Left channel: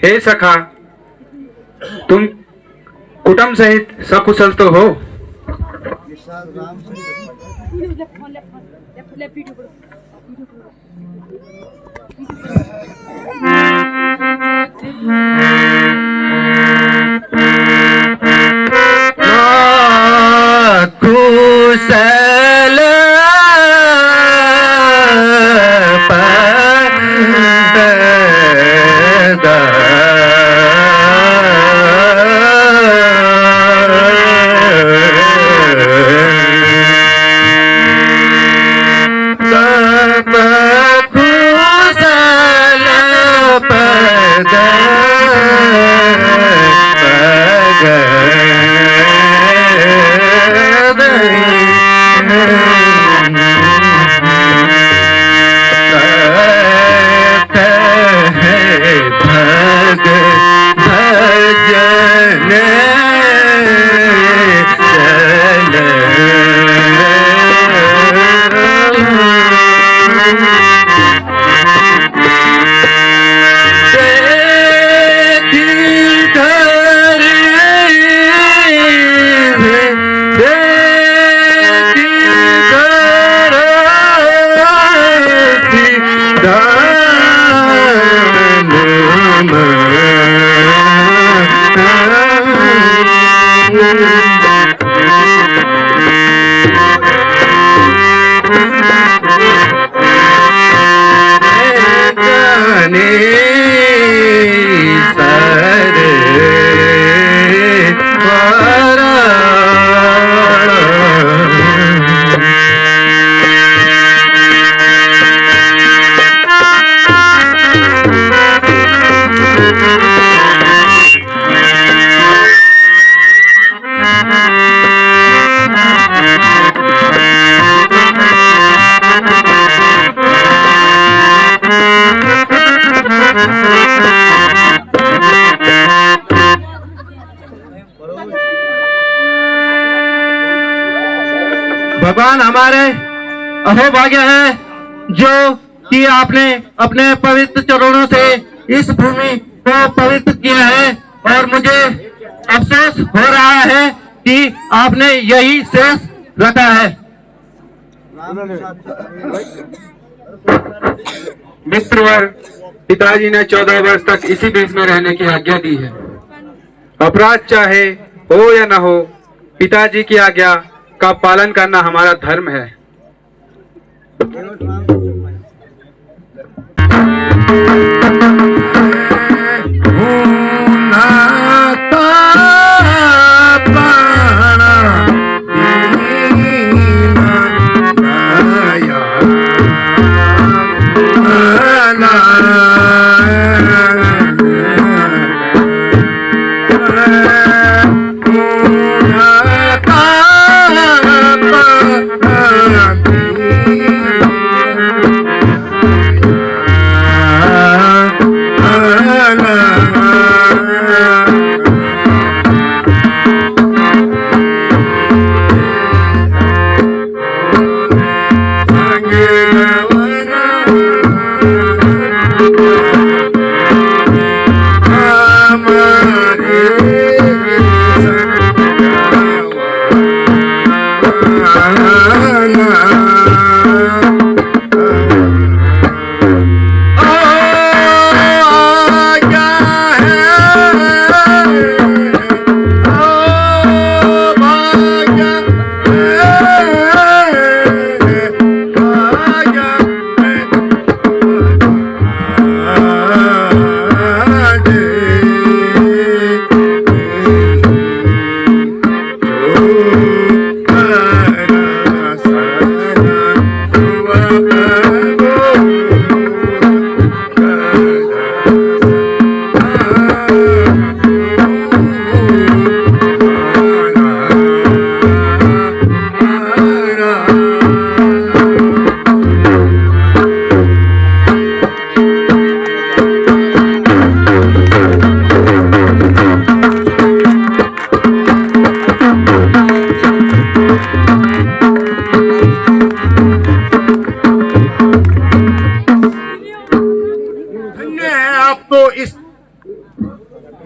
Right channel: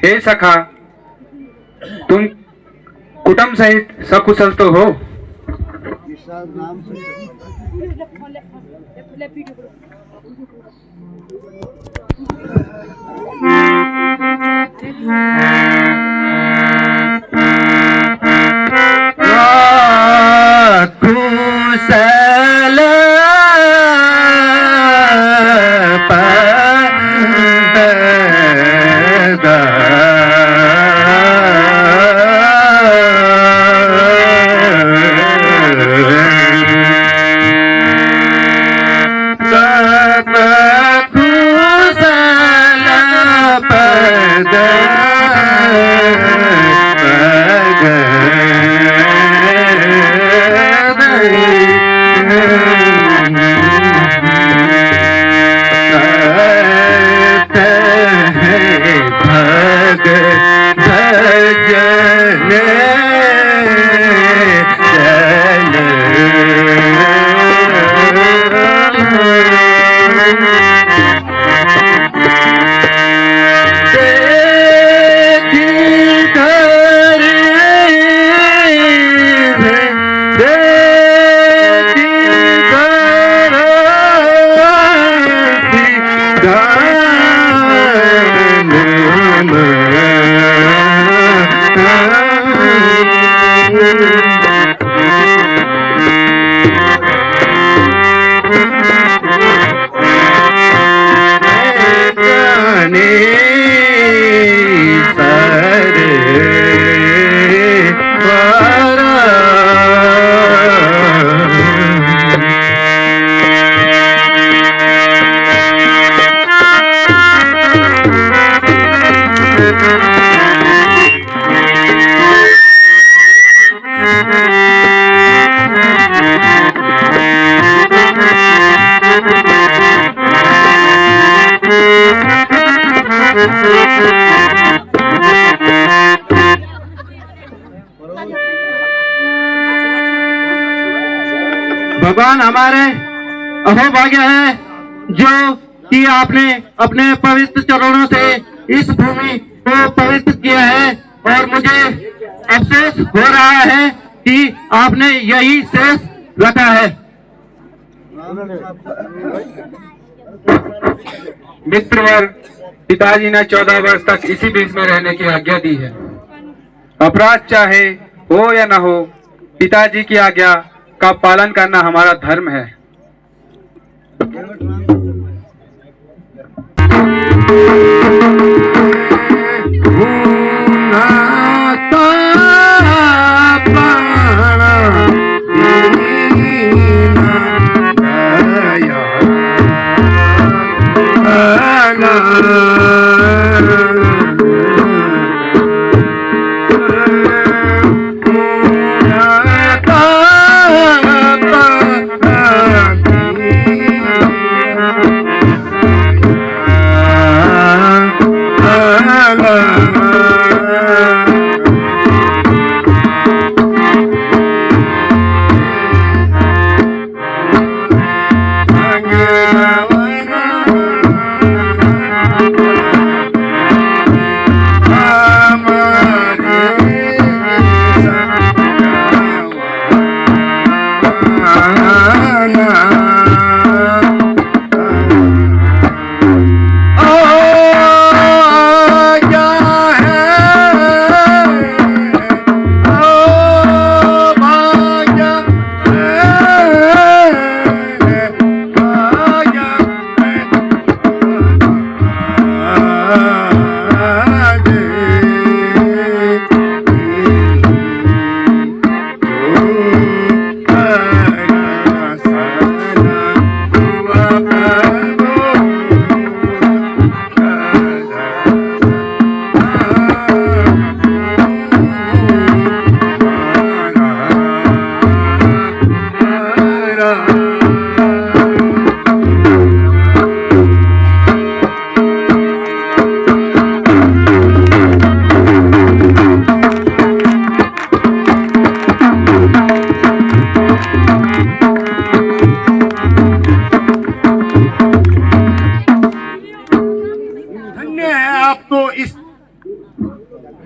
हे सखा, तुम कुटुंब सहित सकुशल तो हो? कुशल भगवान हमारे अहोभाग्य है जो कि आपने अपने पवित्र चरणों से इस भूमि को पवित्र किया है, और मुझे अफसोस हो रहा है कि आपने यही शेष रखा है। मित्रवर, पिताजी ने 14 वर्ष तक इसी देश में रहने की आज्ञा दी है। अपराध चाहे हो या न हो, पिताजी की आज्ञा का पालन करना हमारा धर्म है।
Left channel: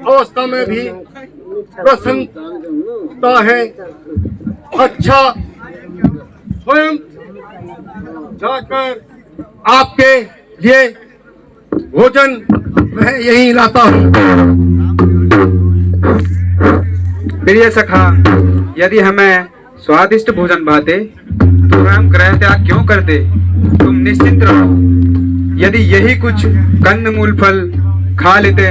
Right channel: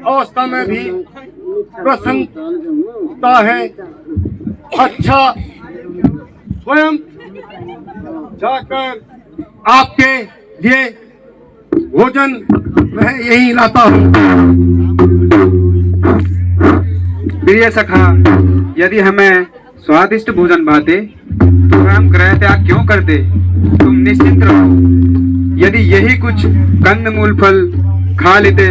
अवस्था में भी प्रसन्नता है। अच्छा, स्वयं जाकर आपके लिए भोजन मैं यही लाता हूँ। प्रिय सखा, यदि हमें स्वादिष्ट भोजन भाते तो हम गृह त्याग क्यों करते? तुम निश्चिंत रहो, यदि यही कुछ कंद मूल फल खा लेते।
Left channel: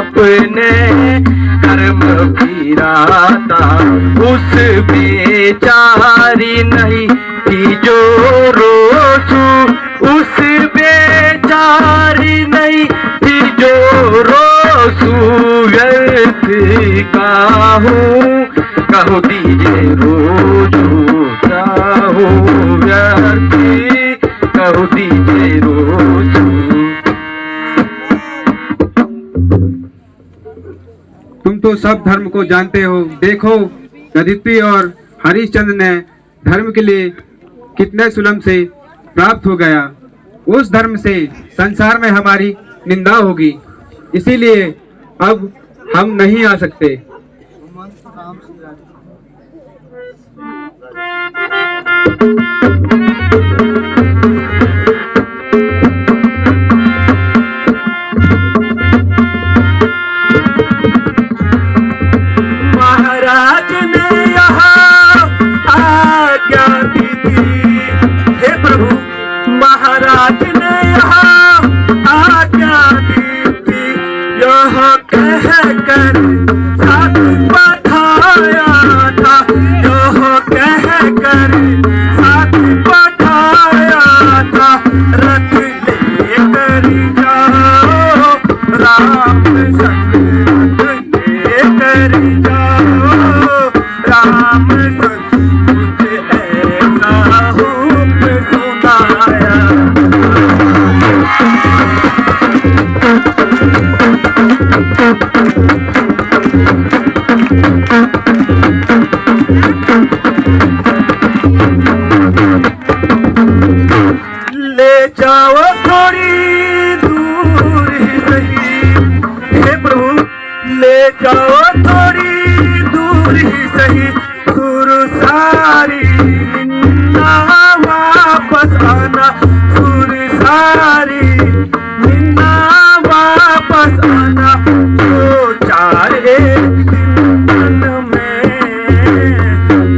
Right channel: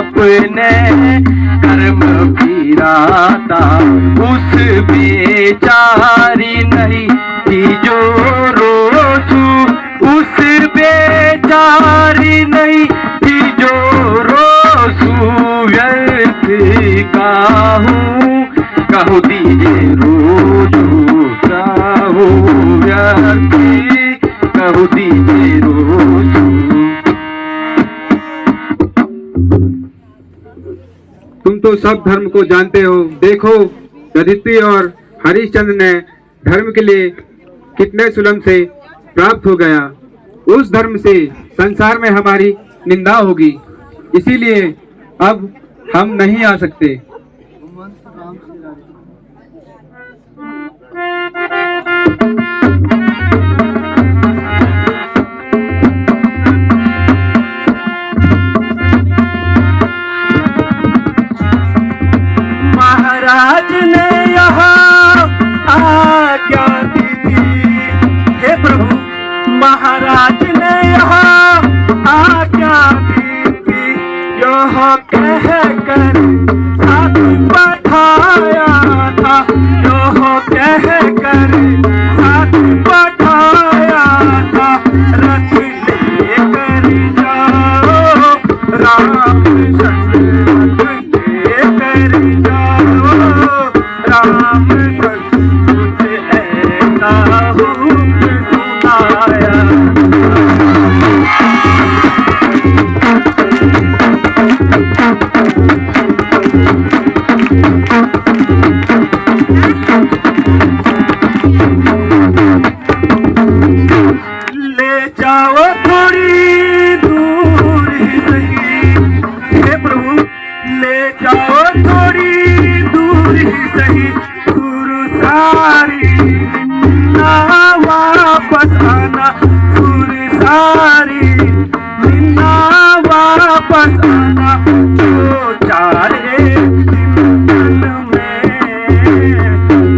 अपने कर्म फिराता उस बेचारी नहीं थी जो रोसू, उस बेचारी नहीं थी जो रोसू। व्यर्थ कहूँ दीजिए रोजू, कहूँ व्यर्थ कहूँ दीजिए रोजू। तुम तो सब धर्म को जानते हो। देखो, यदिति और हरिश्चंद्र ने धर्म के लिए कितने सुलम से प्राप्त हो गया। उस धर्म से संसार में हमारी निंदा होगी, इसीलिए अब हम नहीं आ सकते। महाराज ने यहाँ आज्ञा दी थी, हे प्रभु, महाराज ने यहाँ आज्ञा दी थी, यह कह कर साथ पठाया था, यह कह कर साथ पठाया था। रथ लेकर जाओ राम संग, लेकर जाओ राम संग, मुझे ऐसा हुक्म सुनाया। ले जाओ थोड़ी दूर ही सही, हे प्रभु, ले जाओ थोड़ी दूर ही सही, सुरसारी निन्ना वापस आना, सुरसारी निन्ना वापस आना। दो चार एक दिन तन में,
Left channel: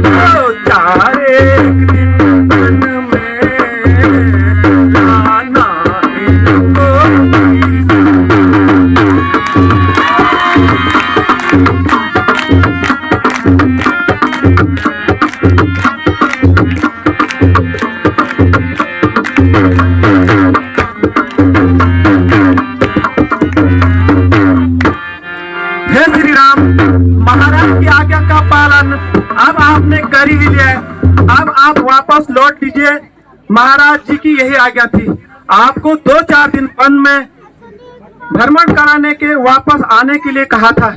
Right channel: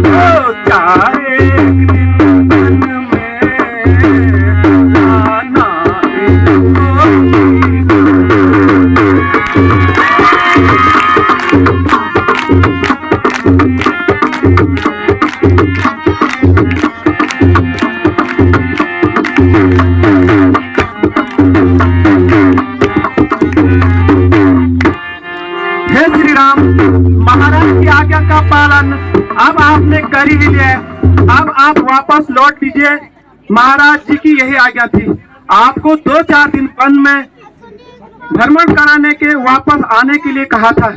दो चार एक दिन तन में आना इनको। हे श्री राम, महाराज की आज्ञा का पालन अब आपने कर ही लिया है। अब आप वापस लौट लीजिए। महाराज जी की यही आज्ञा थी, आपको 2-4 दिन वन में भ्रमण कराने के वापस आने के लिए कहा था।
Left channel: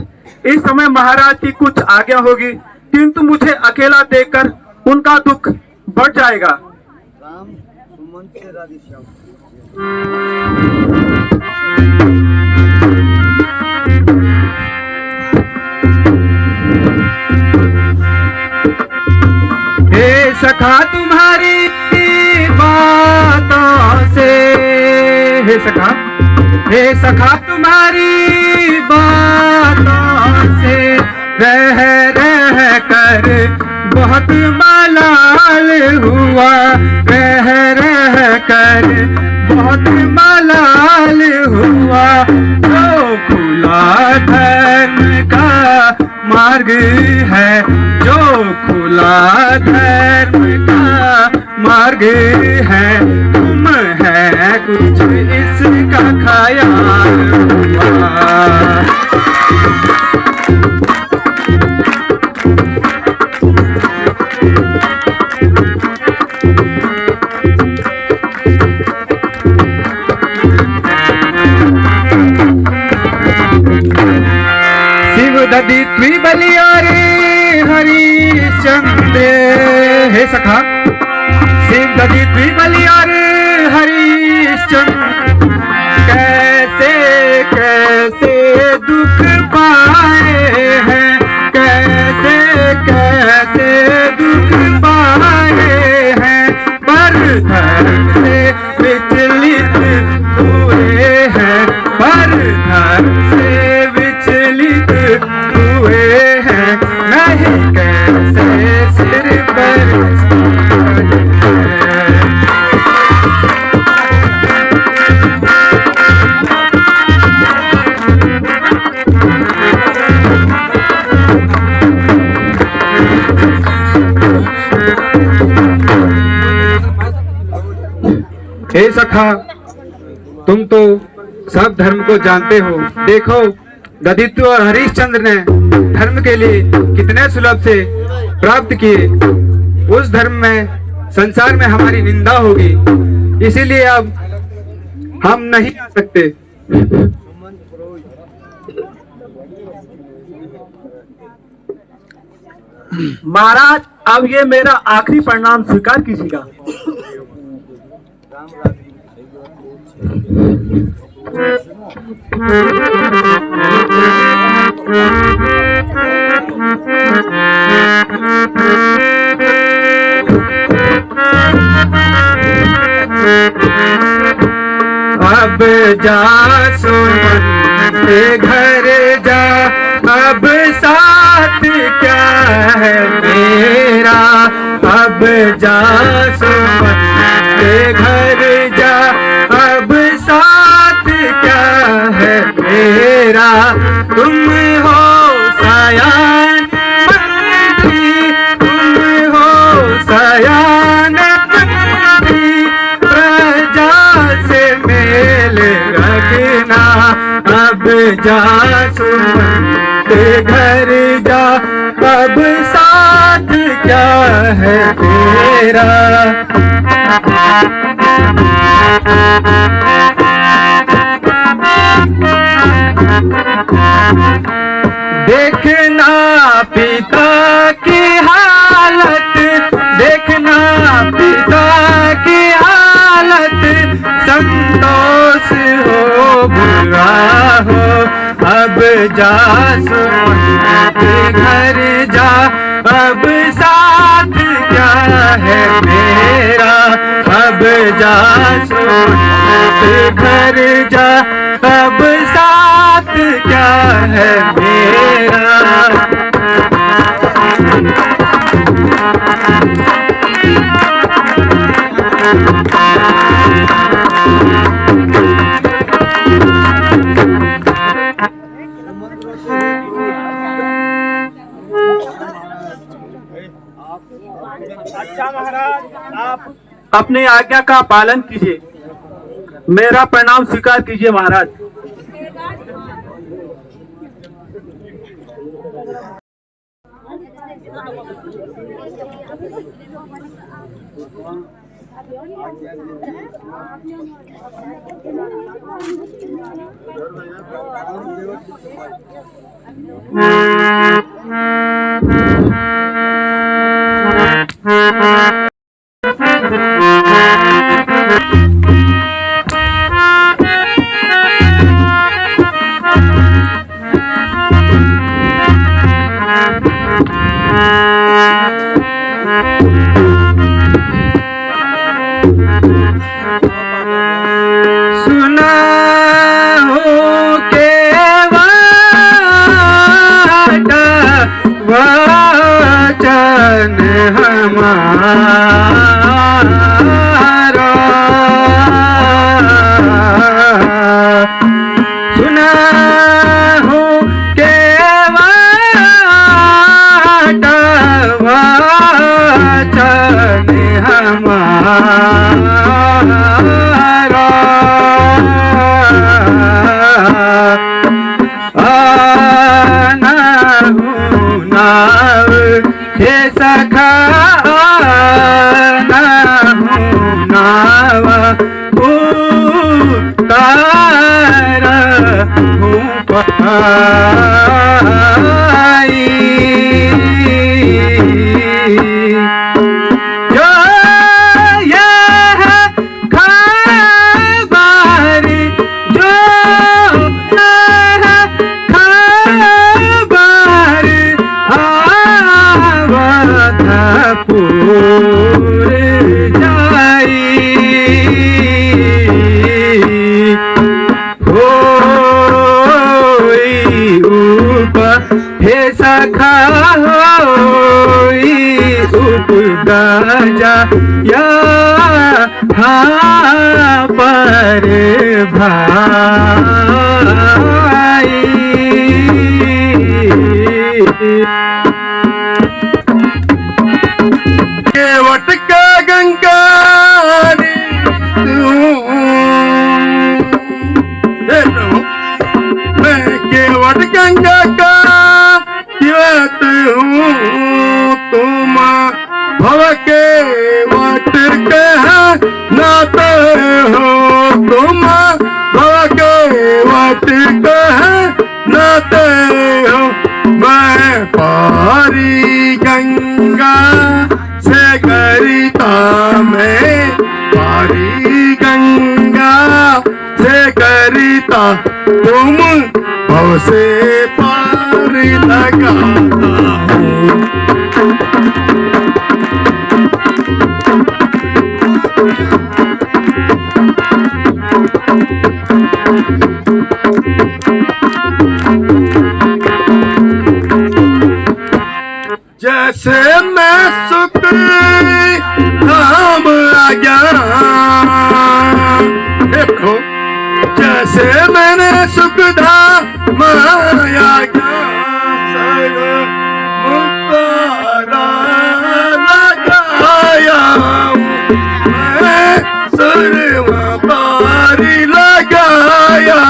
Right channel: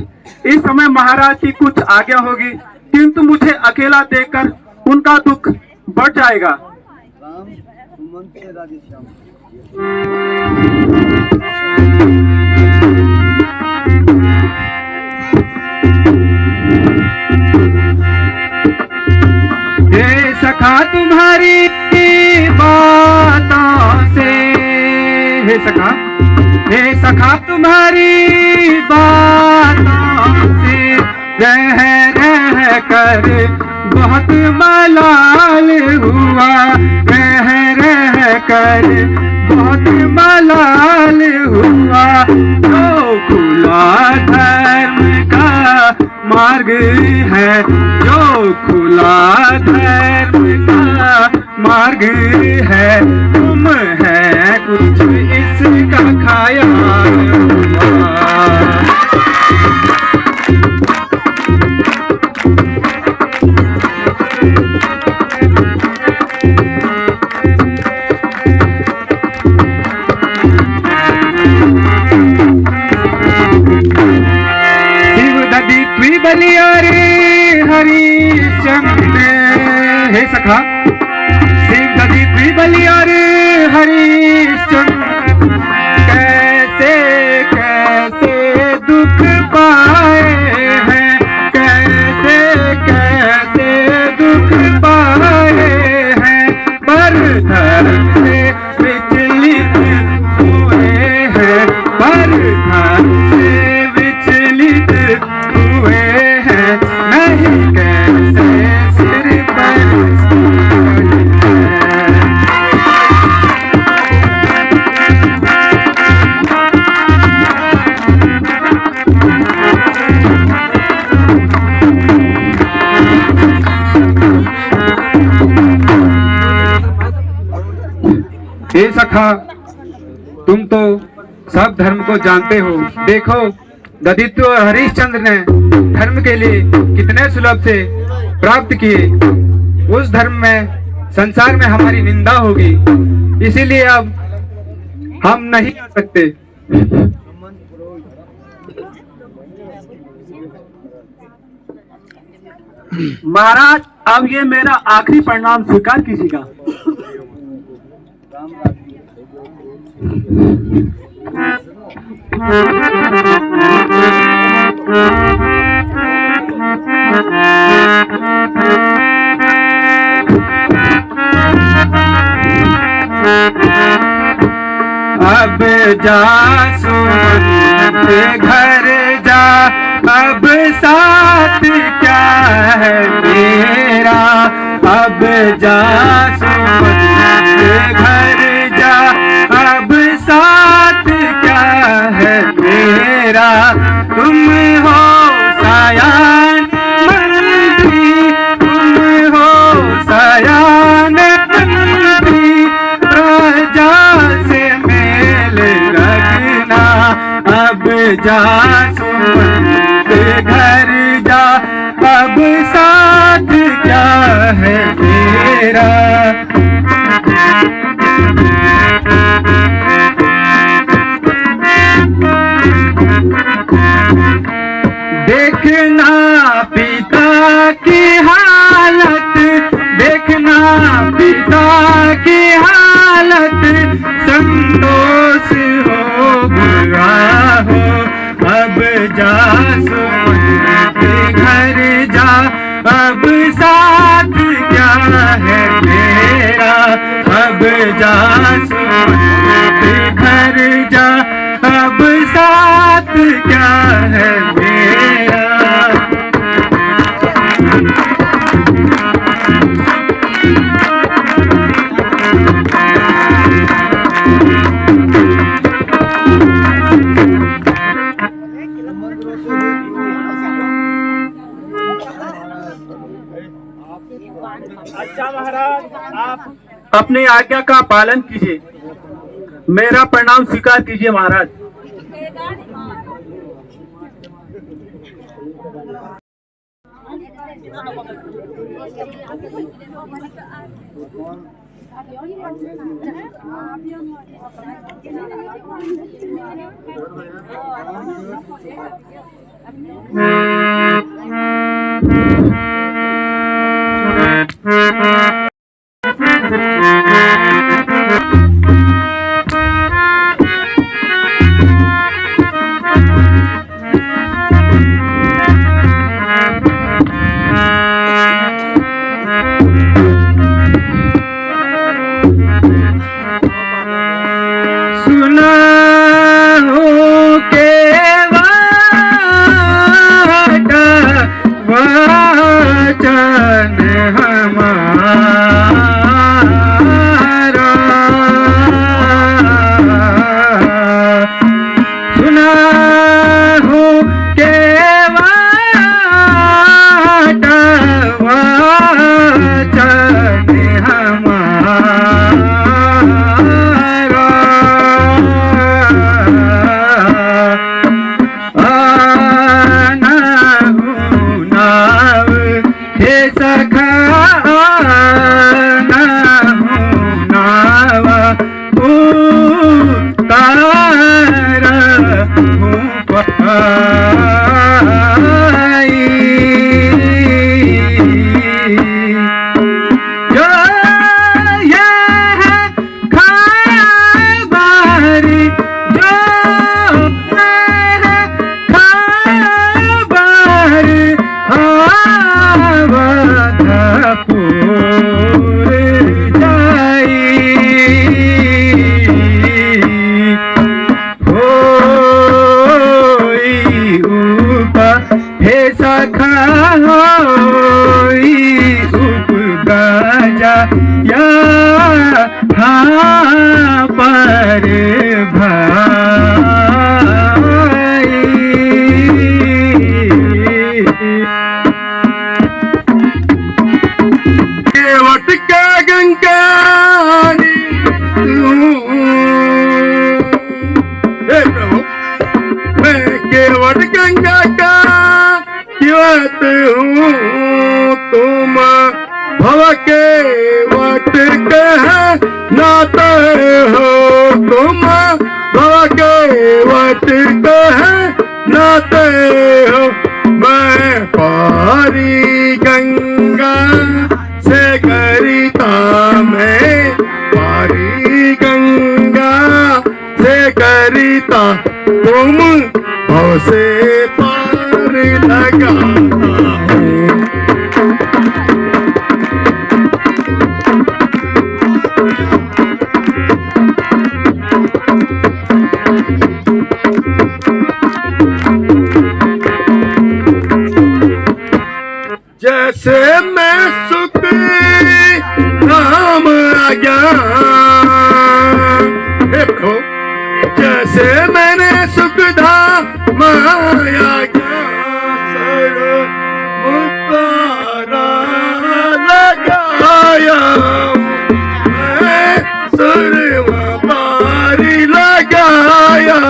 इस समय महाराज की कुछ आज्ञा होगी, किंतु मुझे अकेला देखकर उनका दुख बढ़ जाएगा। हे सखा तुम्हारी बातों से, हे सखा, हे सखा तुम्हारी बातों से रह रह कर बहुत मलाल हुआ, रह रह कर बहुत मलाल हुआ। तो खुला धर्म का मार्ग है जो खुला धर्म का मार्ग है, तुम है कुछ इसका ख्याल हुआ। शिव बलियारे हरिश्चंद्र है सखा, शिव बलियारे हरिश्चंद्र कैसे कैसे दुख पाए हैं, कैसे कैसे दुख पाए हैं, पर धर्म से विचलित हुए हैं, पर धर्म से विचलित हुए हैं, नहीं कैसे सिर पर हे सखा, तुम तो सब धर्म को जानते हो। देखो ददित्य और हरिश्चंद्र ने धर्म के लिए कितने सुलभ से प्राप्त किए। उस धर्म में संसार में हमारी निंदा होगी, इसीलिए अब हम नहीं आ सकते। महाराज, अब ये मेरा आखिरी प्रणाम स्वीकार कीजिएगा। अब जा सुमन के घर जा, अब साथ क्या है मेरा, अब जा सुमन के घर जा, अब साथ क्या है मेरा, तुम हो सयान मंत्री, तुम हो सयान मंत्री, प्रजा से मेल रखना, अब जा सुमन के घर जा, अब साथ क्या है मेरा। देखना पिता की हालत, देखना पिता की हालत, संतोष हो बुरा हो, अब जा सुमन के घर जा, अब साथ क्या है मेरा, अब जा सुमन के घर जा, अब साथ क्या है मेरा। अच्छा महाराज, आप अपने आज्ञा का पालन कीजिए। मेरा प्रणाम स्वीकार कीजिए महाराज। सुना हो के वादा सखा ना हूँ नावा उतार हूँ पाई जो ये है खबर जो ये है खबर आवधपुर जाई होई ऊपर हे सखा होई उपगाजा या हाँ पर भाई केवट का गंगारी हे प्रभु मैं केवट गंगा का दिवत हूँ तुम भव के वट कह नात हो तुम भव के वट कह नात हो मैं पारी गंगा से करिता मैं पारी गंगा से करिता तुम भव से पार लगा जैसे मैं सुख धाम आ गया देखो जैसे मैंने सुख धाम आया सर्व मुतारा लगाया मैं सर्व पारी लगाया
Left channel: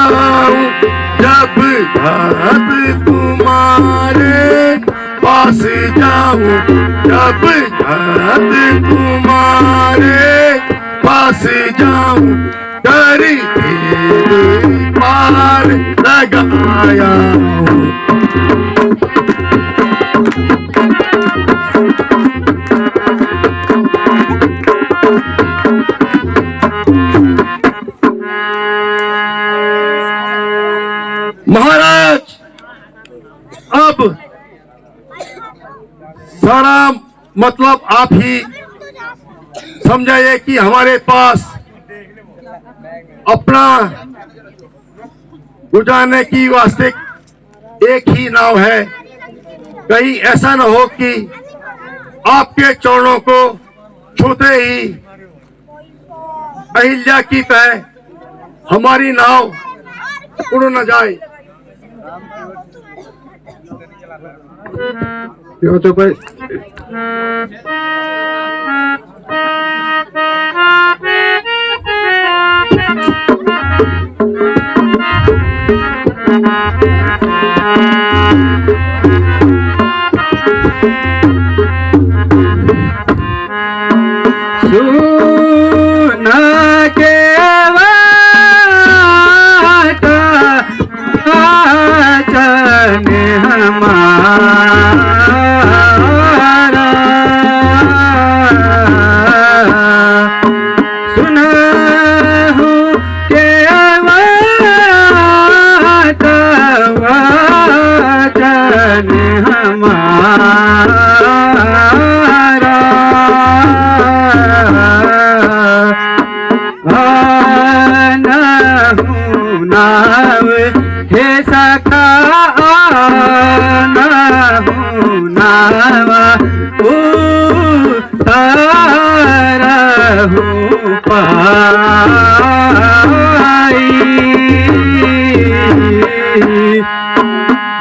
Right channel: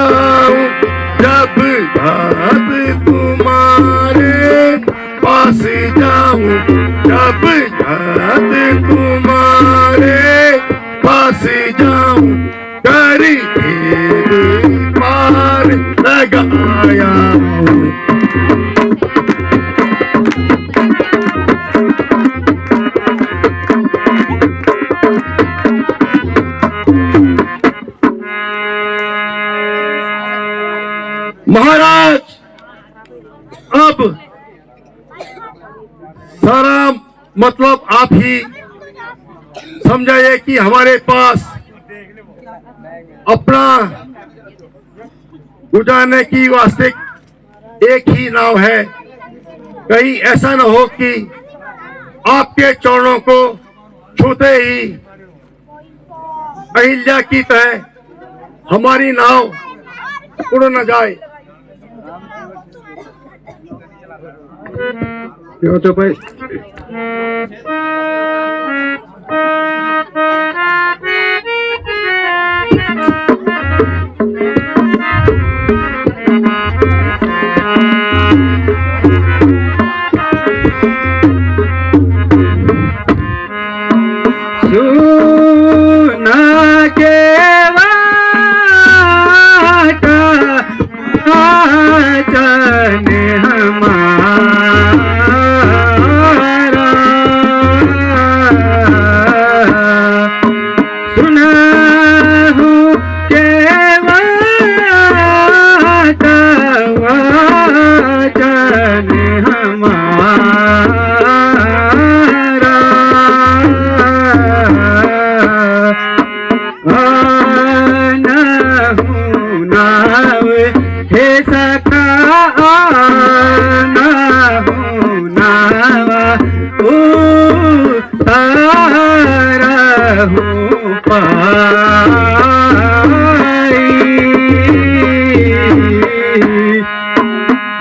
जब घात तुम्हारे पास जाऊं जब घात तुम्हारे पास जाऊं करी पार लगाया हूं। महाराज अब सारा मतलब आप ही समझाइए कि हमारे पास अपना गुजारने की वास्ते एक ही नाव है कहीं ऐसा न हो कि आपके चरणों को छूते ही अहिल्या की तरह हमारी नाव उड़ न जाए। यो तो भाई सुना के वाटा चन हमारा सुना हूँ के वाटा चन हमारा आना हूँ नाव हे सखा आना हूँ नावा उतारा हूँ पाई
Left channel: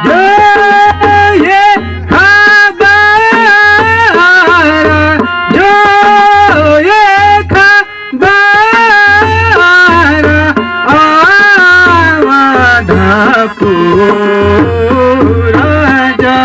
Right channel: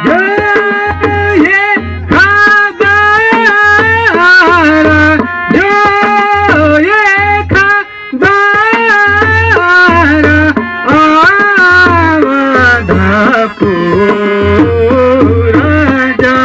जो ये खबर जो ये खबर आवधपुर जा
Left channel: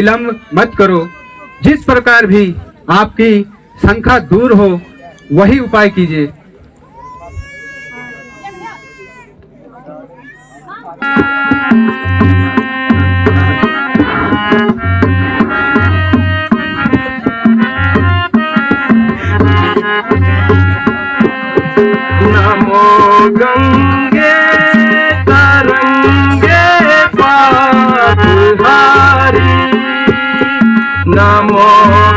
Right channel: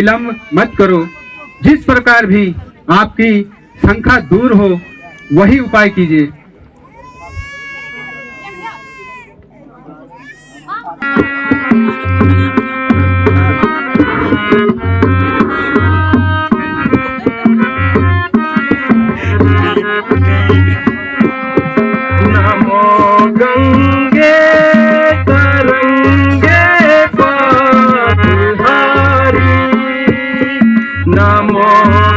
विलंब मत करो। जिस प्रकार भी आपकी शंका दूर हो वही उपाय कीजिए। नमो गंगे तरंगे पापहारी, नमो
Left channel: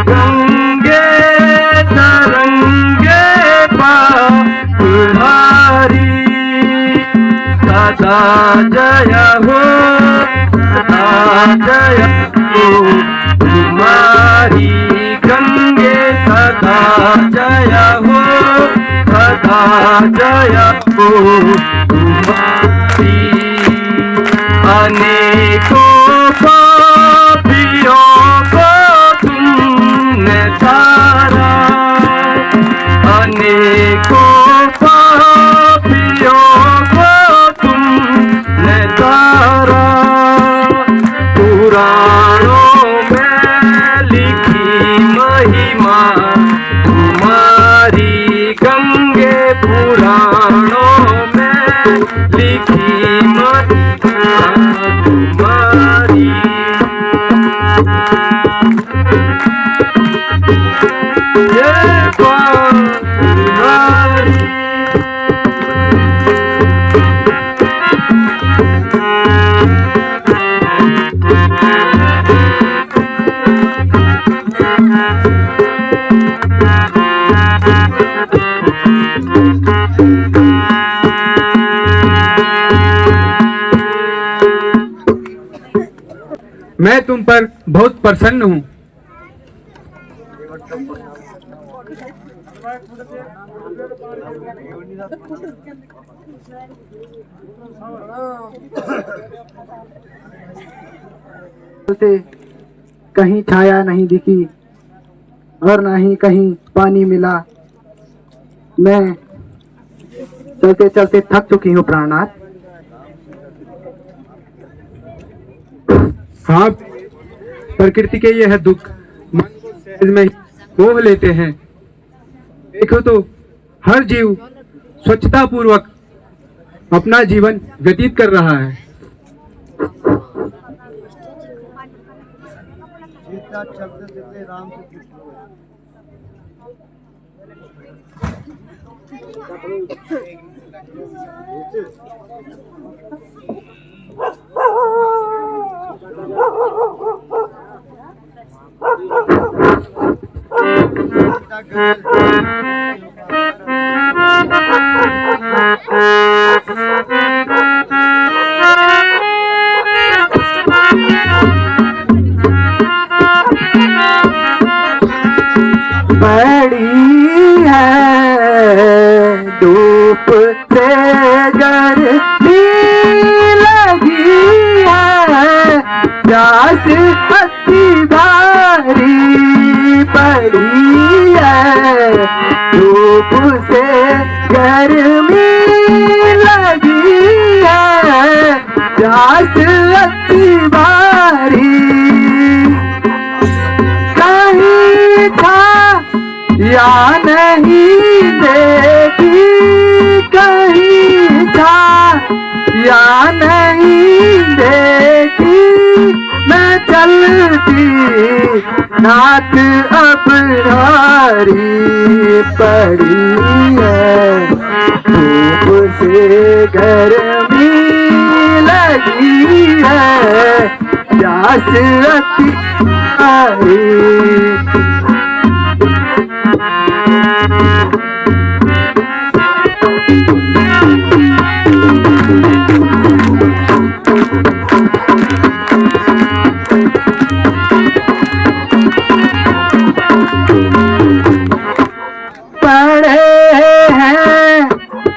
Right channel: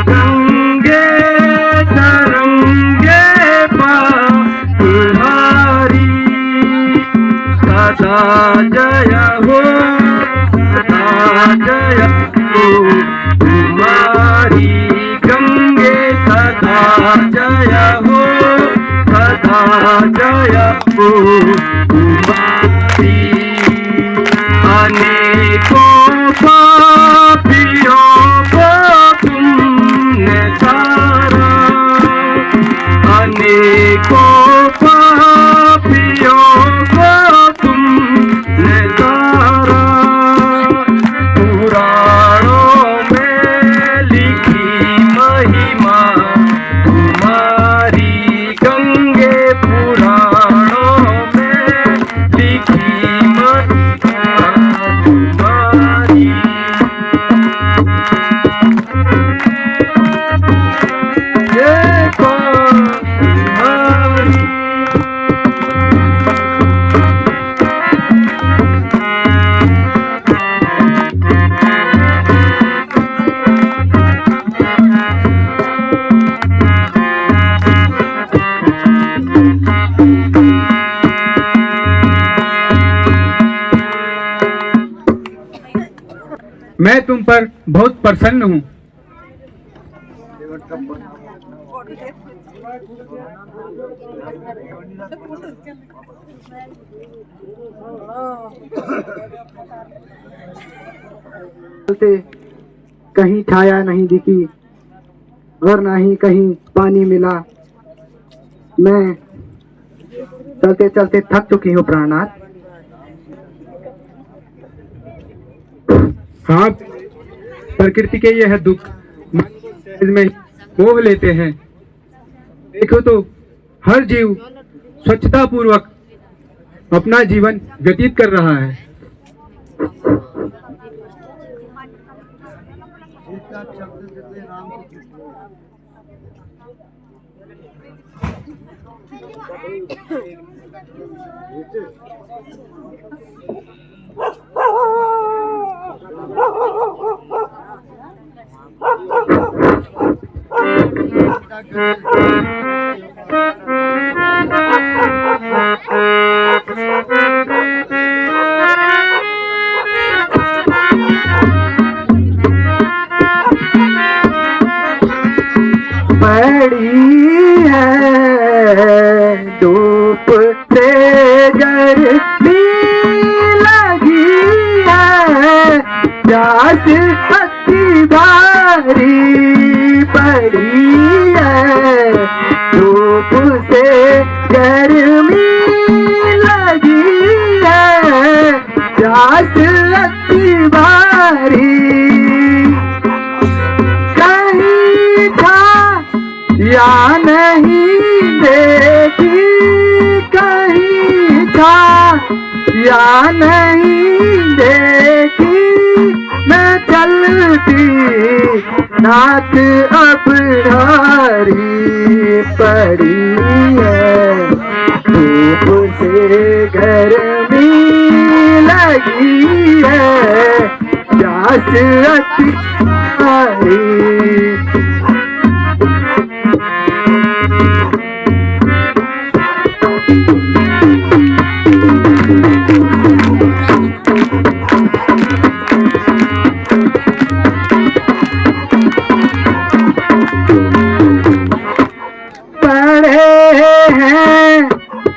गंगे तरंगे पापहारी, सदा जय हो, सदा जय हो तुम्हारी गंगे, सदा जय हो, सदा जय हो तुम्हारी। अनेकों पापियों को तुमने तारा, अनेकों पापियों को तुमने तारा, पुराणों में लिखी महिमा तुम्हारी गंगे, पुराणों में लिखी महिमा तुम्हारी। जय तुम्हारी। मैं तुम पर बहुत प्रसन्न हूँ। कहीं छाया नहीं दिखी और ना ही कहीं पानी मिला। मैं चलते चलते थक चुकी हूँ प्राणनाथ। आप प्रकृति के यह दुख में मोह लेते हैं। देखो तो हर जीव स्वच्छता पूर्वक अपना जीवन व्यतीत कर रहा है। बड़ी है धूप से गर्मी लगी है, प्यास पत्ती भारी पड़ी है, धूप से गर्मी लगी है, प्यास पत्ती भारी। कहीं था या नहीं देखी, कहीं था या नहीं देखी, मैं चलती नाथ अब भारी पड़ी है, धूप से गर्मी लगी है, प्यास अति भारी।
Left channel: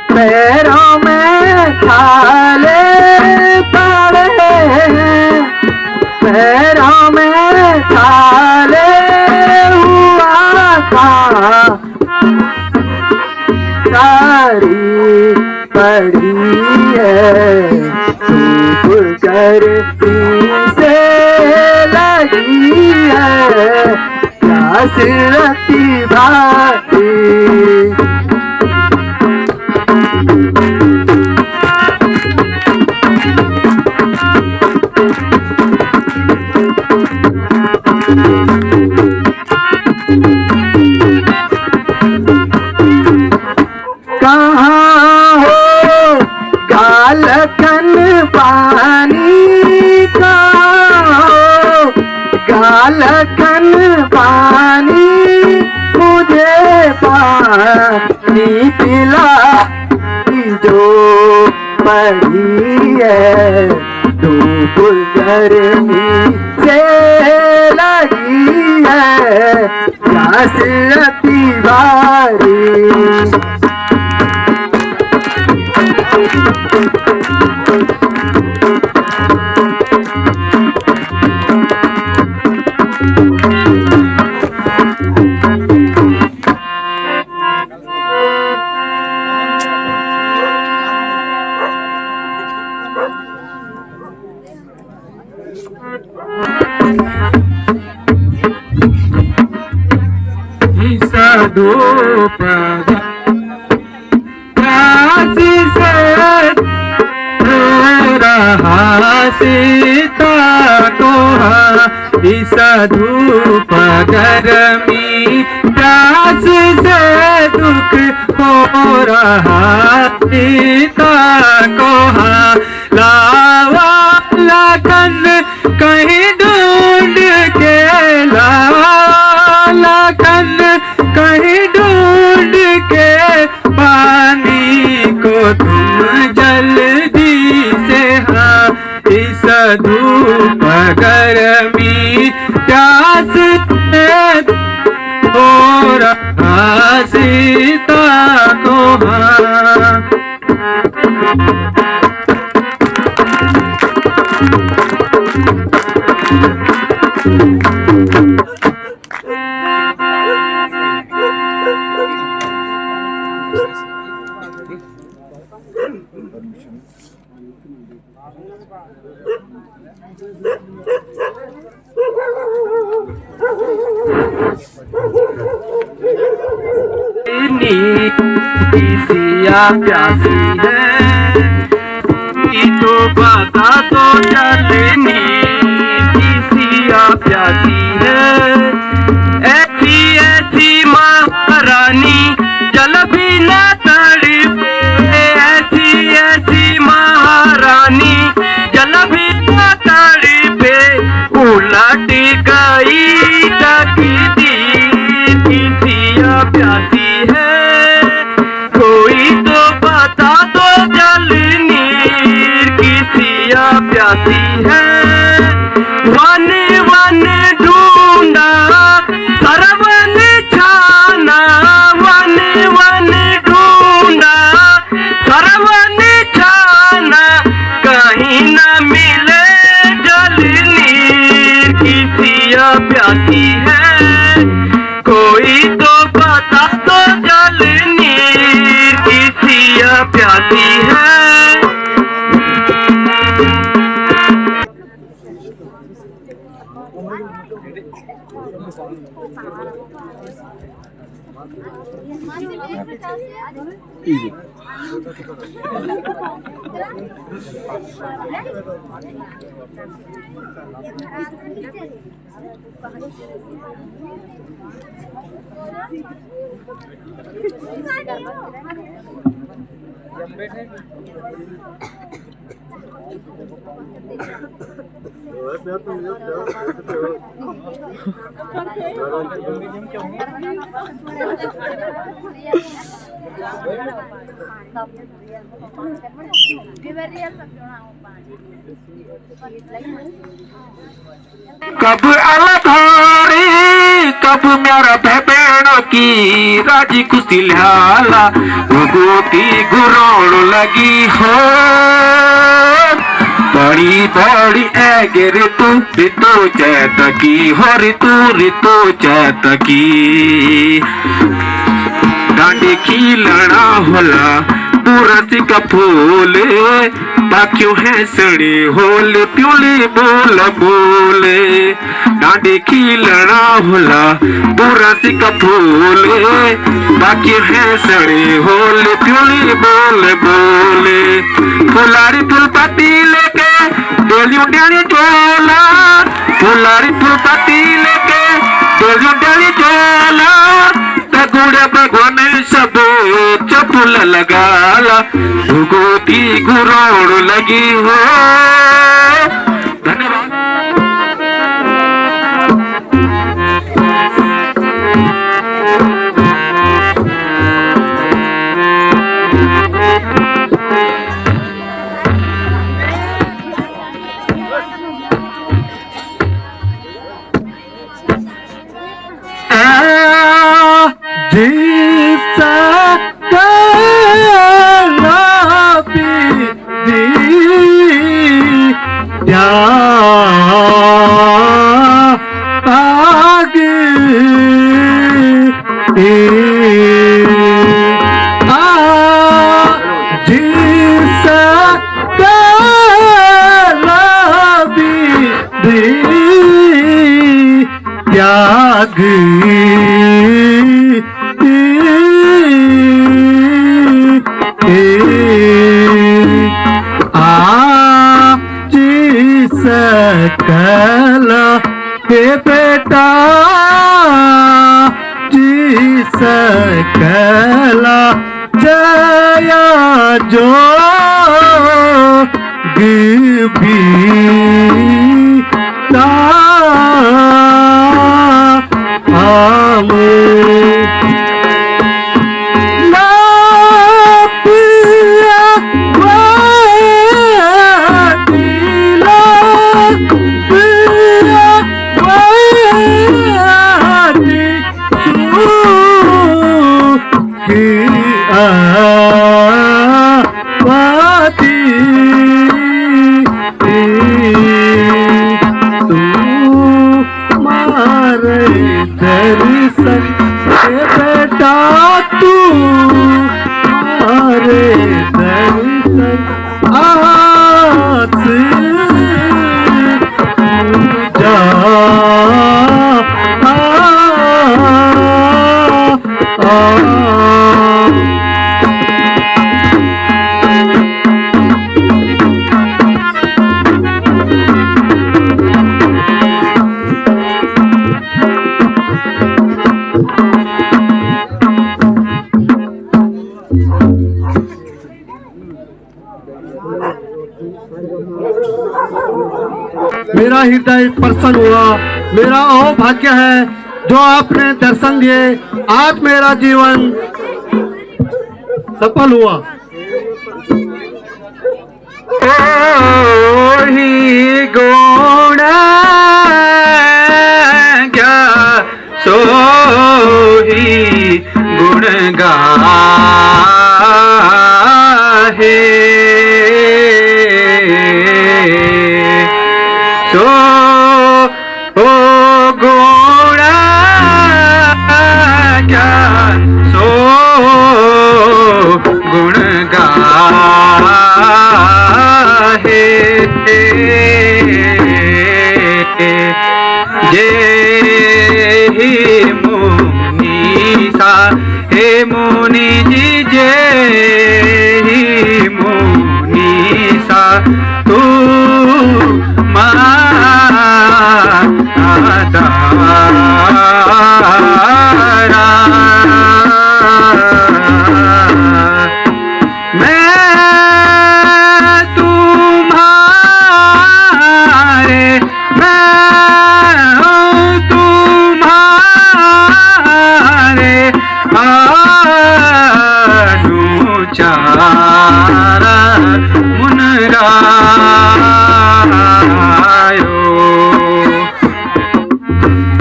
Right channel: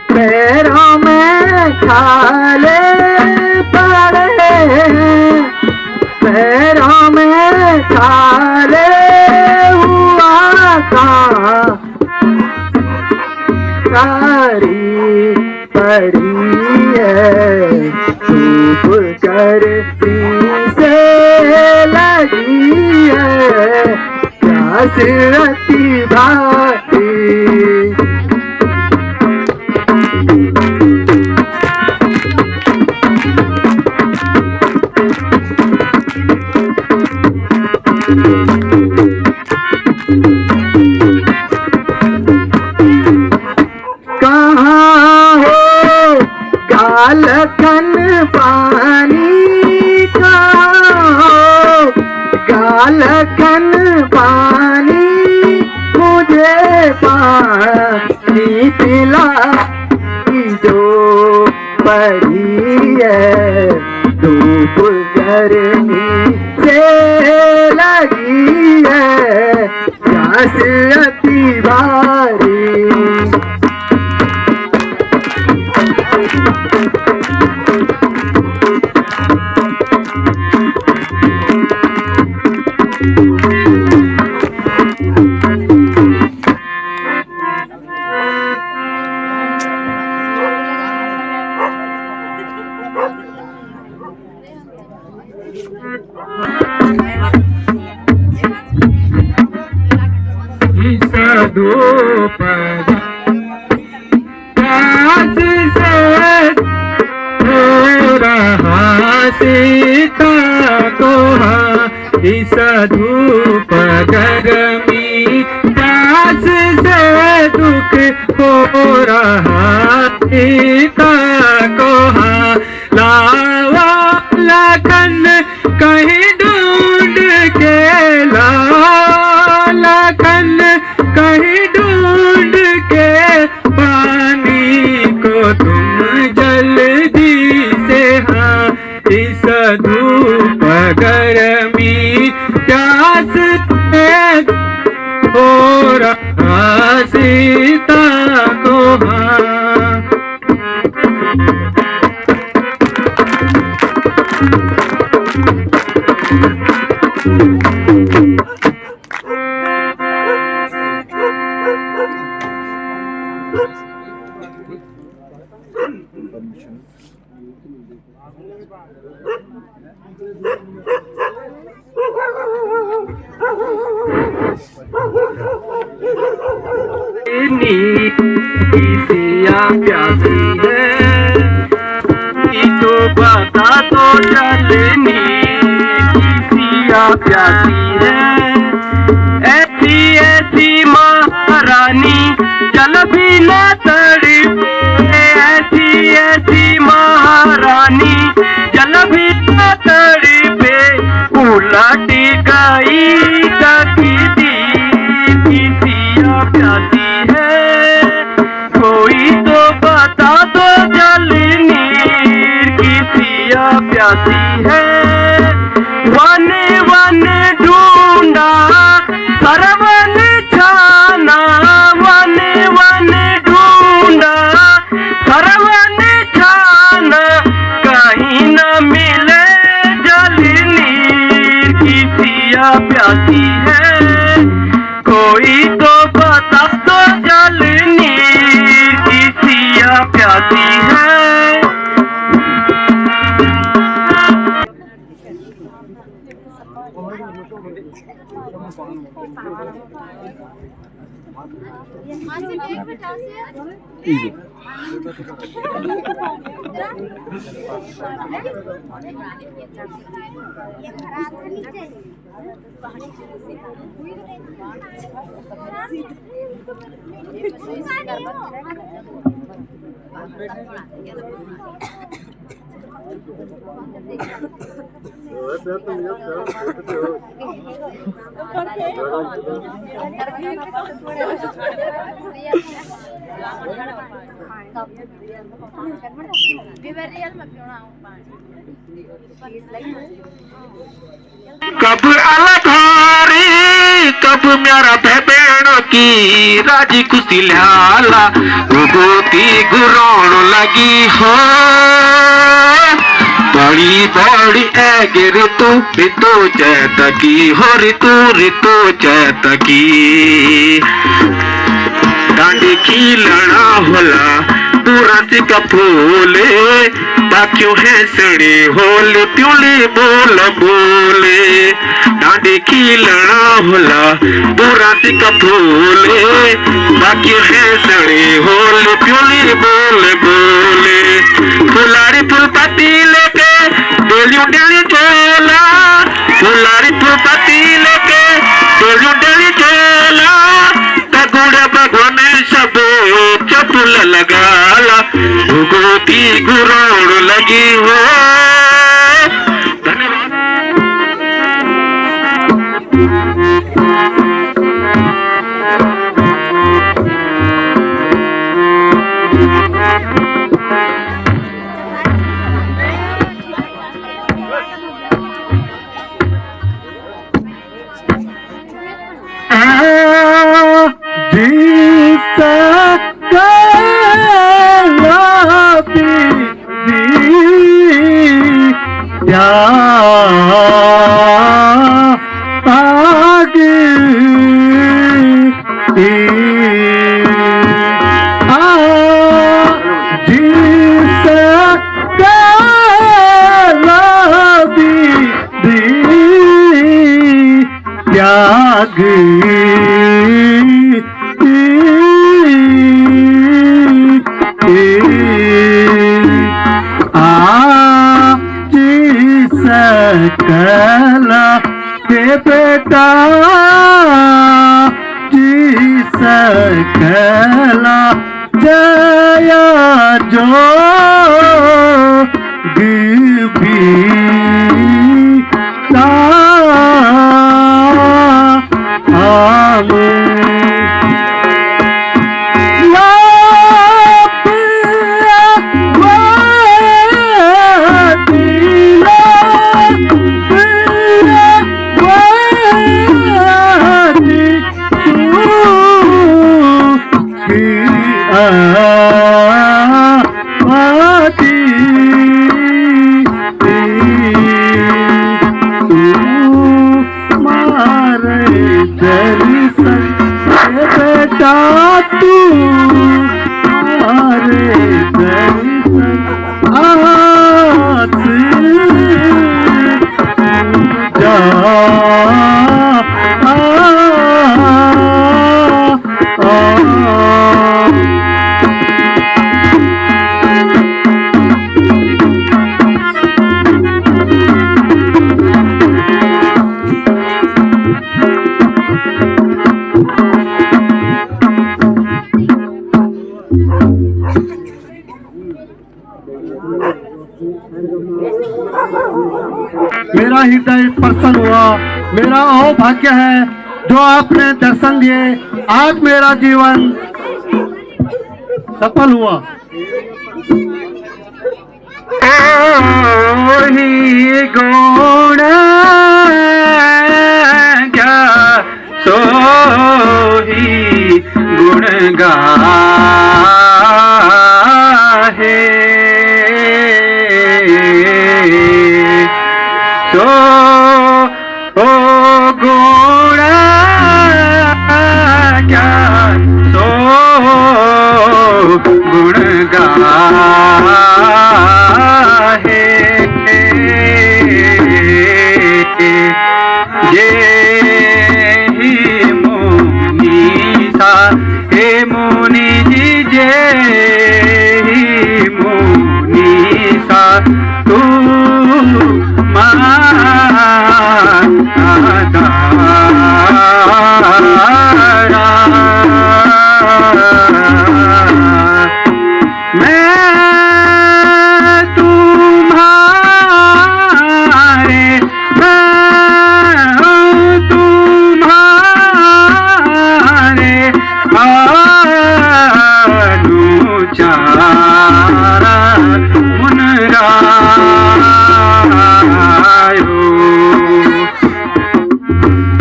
पैरों में छाले पड़े हैं, पैरों में छाले रती भाती कहाँ हो गालखन पानी का गालखन पानी मुझे पानी पिला जो पड़ी है धूप गर्मी से लगी है प्यास अति भारी धूप प्यास से रहा सीता को इस धूप गर्मी प्यास से दुख हो रहा सीता को लावा लगन कहीं ढूंढ के लगन कहीं ढूंढ के पानी को तुम जल्दी से इस धूप गर्मी प्यास से हो रहा सीता को सिया प्यासी है तो बता तो जानी सिया प्यासी है ऐसी ऐसी महारानी जल भी न तड़पे ऐसी ऐसी महारानी जल भी न तड़पे उलट गई तकदीर सिया प्यासी वन वन ढूंढा सरवन छाना वन वन ढूंढा सरवन छाना कहीं न मिले जल नीर की सिया प्यासी है कोई तो बता दो जल नीर की सिया प्यासी है कब अलग हारी कब मेरा भेड़ों की राजी खुशी लाला गोती गुरान लगी हो बड़ी बड़ी ऐग ऋतु ऋतु चैत की हो ऋतु चैत की डांडी खिलना होला बुरासी का फूले ताक्यों है सड़े होले प्यूली बोल बोले डांडी खिलना होला बुरासी का फूले ताक्यों है सड़े होले प्यूली बोल बोले फुलारी फुल पत्ती लेके डोलियों डाली जोला फुलारी फुल पत्ती लेके डोलियों डाली जोला तगुड़े भगवान सबो चपुल लगाला भुगोती गुराण लगी हो धन्यवाद। सकला हे बेटा जी सकला जया जो गिबी मेरा हृदय प्रसन्न हुआ। मेरा वो भाग्य है जो आपने दर्शन दिए। आज मेरा जीवन सफल हुआ। ओही गुण क्या सोही गुण गाहे सो ओ गुण क्या सो गुण गाहे जे ही मुनीसा हे मुनि जी जे ही मुनीसा तू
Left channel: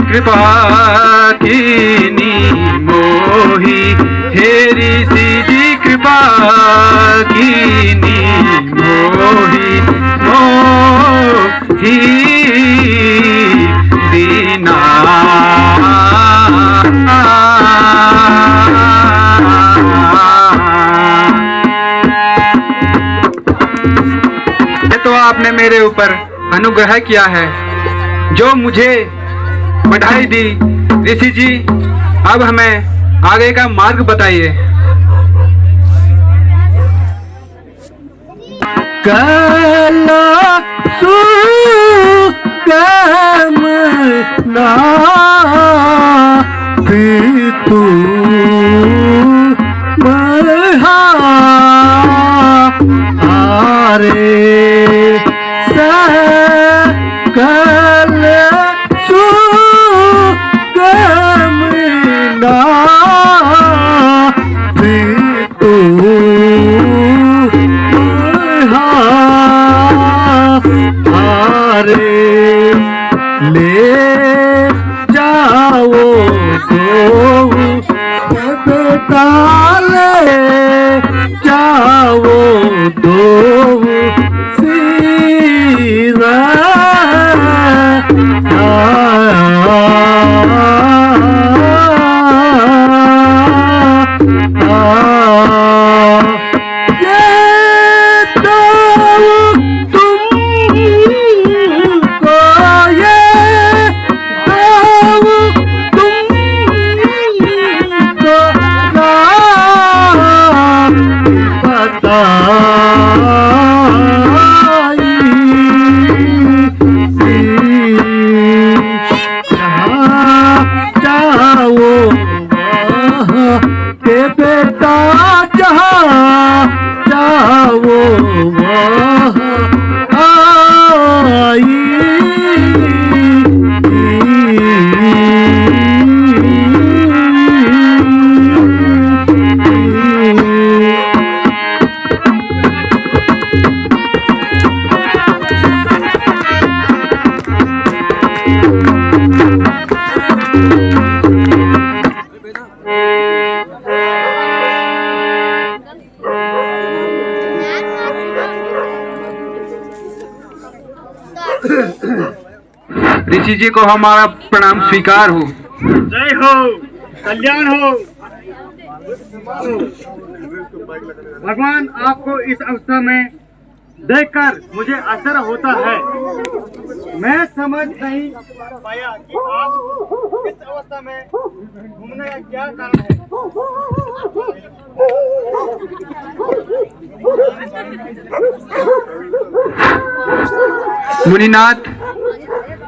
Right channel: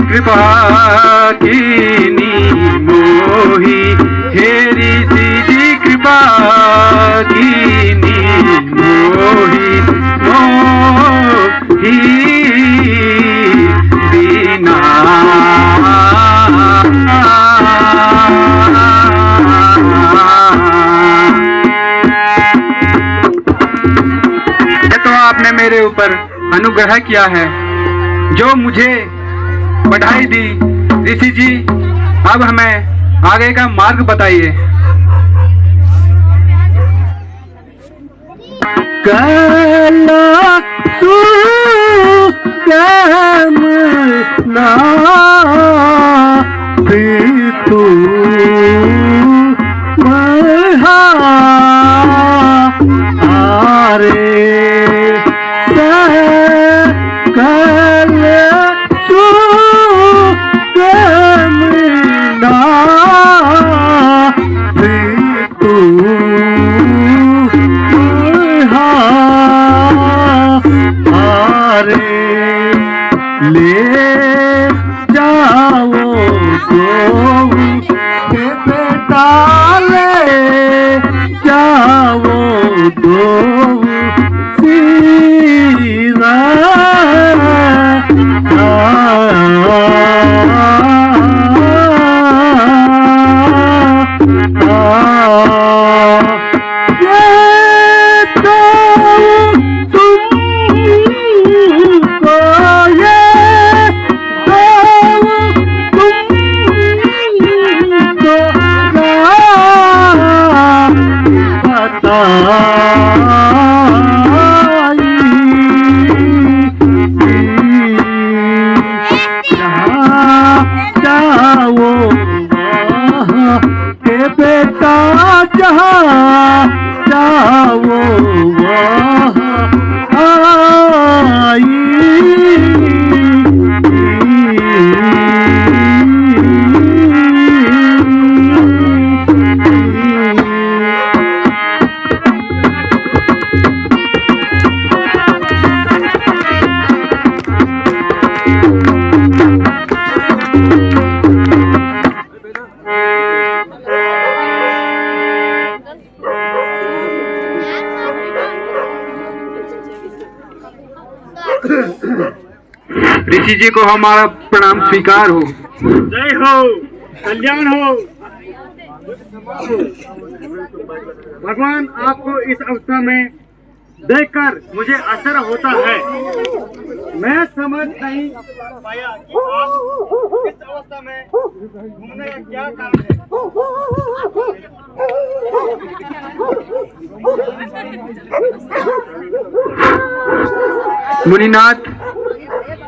कृपा कीनी मोही हेरी सीधी कृपा कीनी मोही मोही दीना अनुग्रह किया है, जो मुझे बढ़ाई दी। ऋषि जी, अब हमें आगे का मार्ग बताइए। ऋषि जी को हमारा प्रणाम स्वीकार हो। जय हो, कल्याण हो। भगवान, आपको इस अवस्था में देखकर मुझे आश्चर्य होता है। मैं समझ नहीं पाया कि आप इस अवस्था में घूमने का क्या कारण है। मुनिनाथ,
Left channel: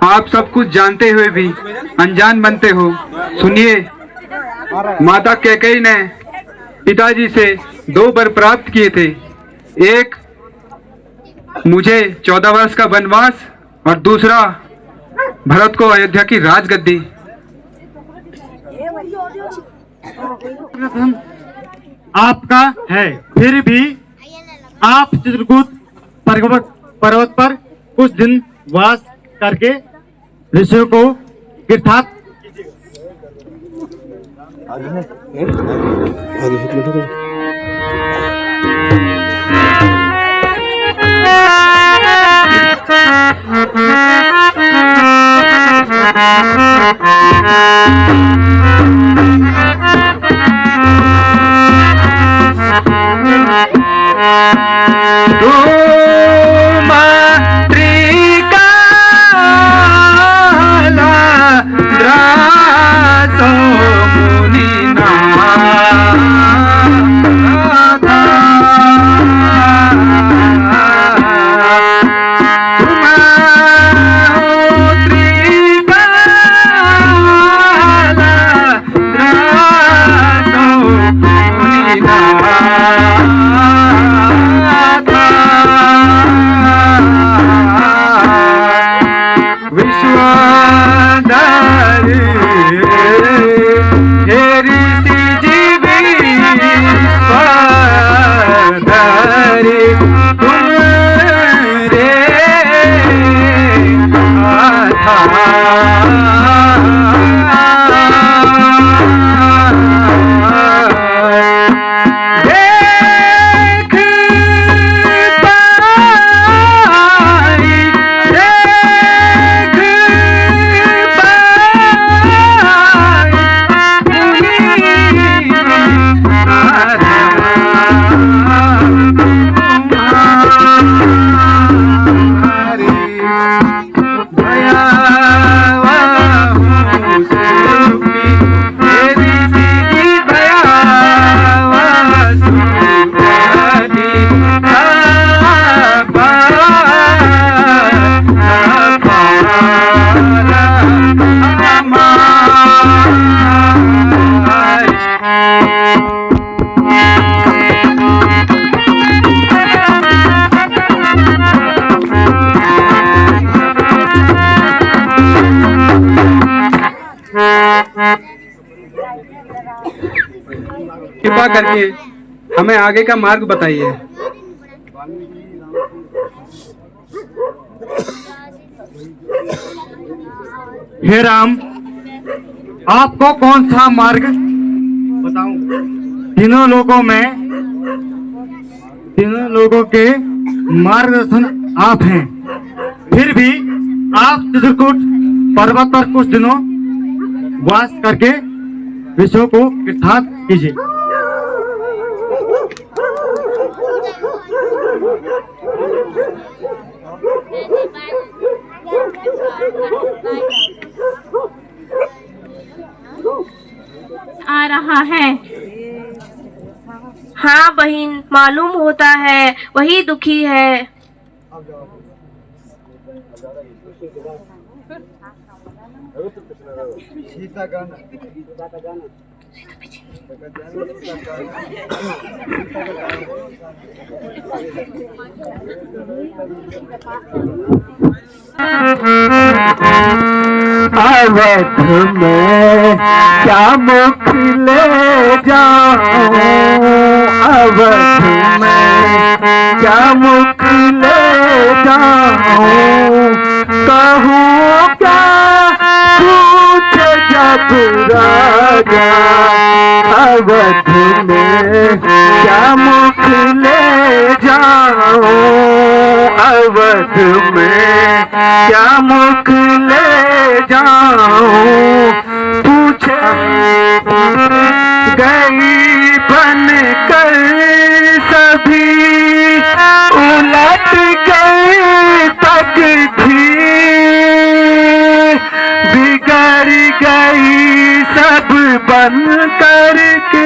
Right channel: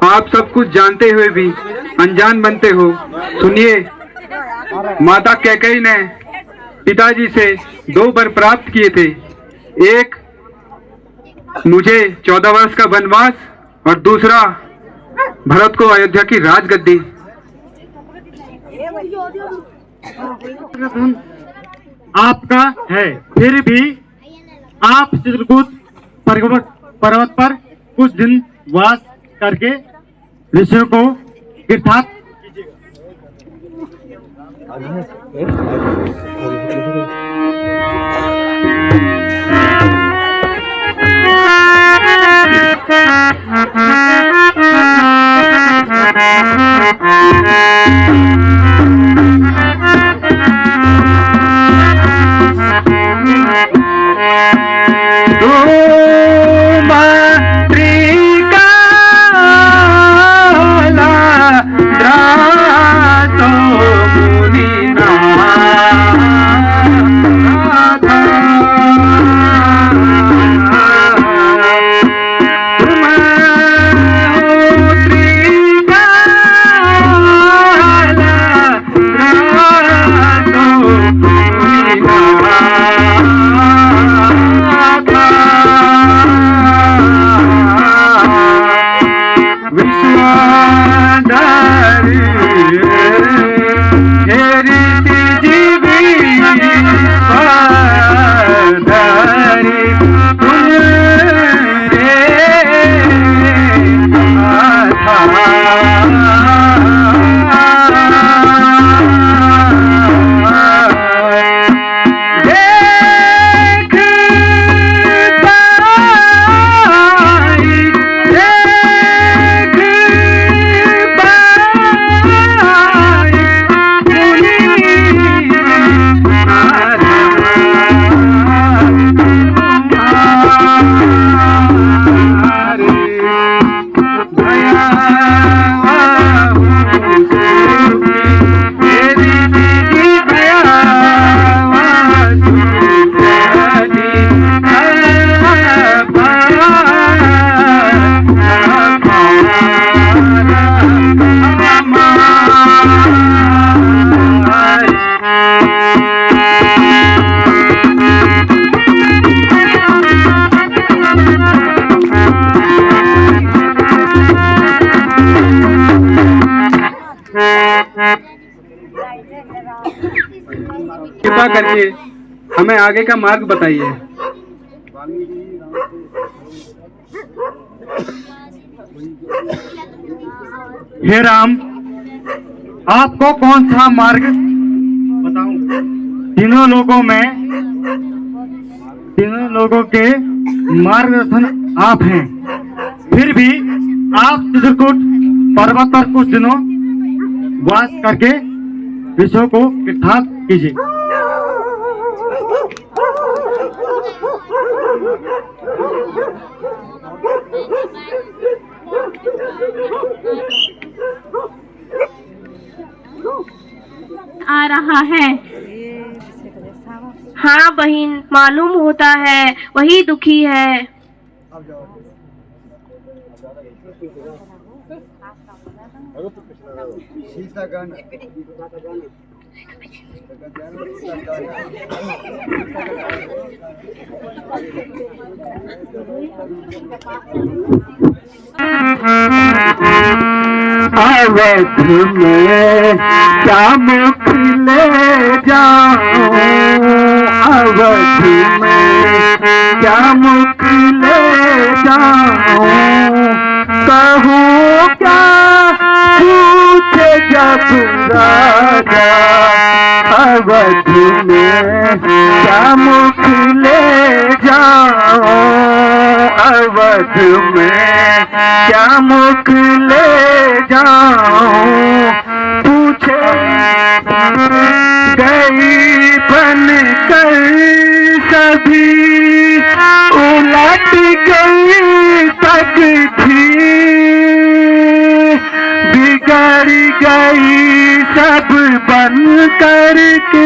आप सब कुछ जानते हुए भी अनजान बनते हो। सुनिए, माता कैकेयी ने पिताजी से 2 वर प्राप्त किए थे। एक, मुझे 14 वर्ष का वनवास, और दूसरा भरत को अयोध्या की राजगद्दी। आपका है, फिर भी आप चित्रकूट पर्वत पर कुछ दिन वास करके ऋषियों को तीर्थाटन कृपा करके हमें आगे का मार्ग बताइए। हे राम, आपको कौन सा मार्ग बताऊं? तीनों लोगों के मार्गदर्शन आप हैं। फिर भी आप चित्रकूट पर्वत पर कुछ दिनों वास करके विषयों को इकट्ठा कीजिए। आ रहा है। हाँ बहन, मालूम होता है वही दुखी है। अवध में श्याम खिले जाऊं, अवध में श्याम खिले जाऊं, कहूँ क्या पूछे जब राजा, अवध में श्याम खिले जाऊं, अवध में क्या मुख ले जाऊं, पूछे गई बन कर सभी, उलट गई तक भी, बिगड़ गई सब बन करके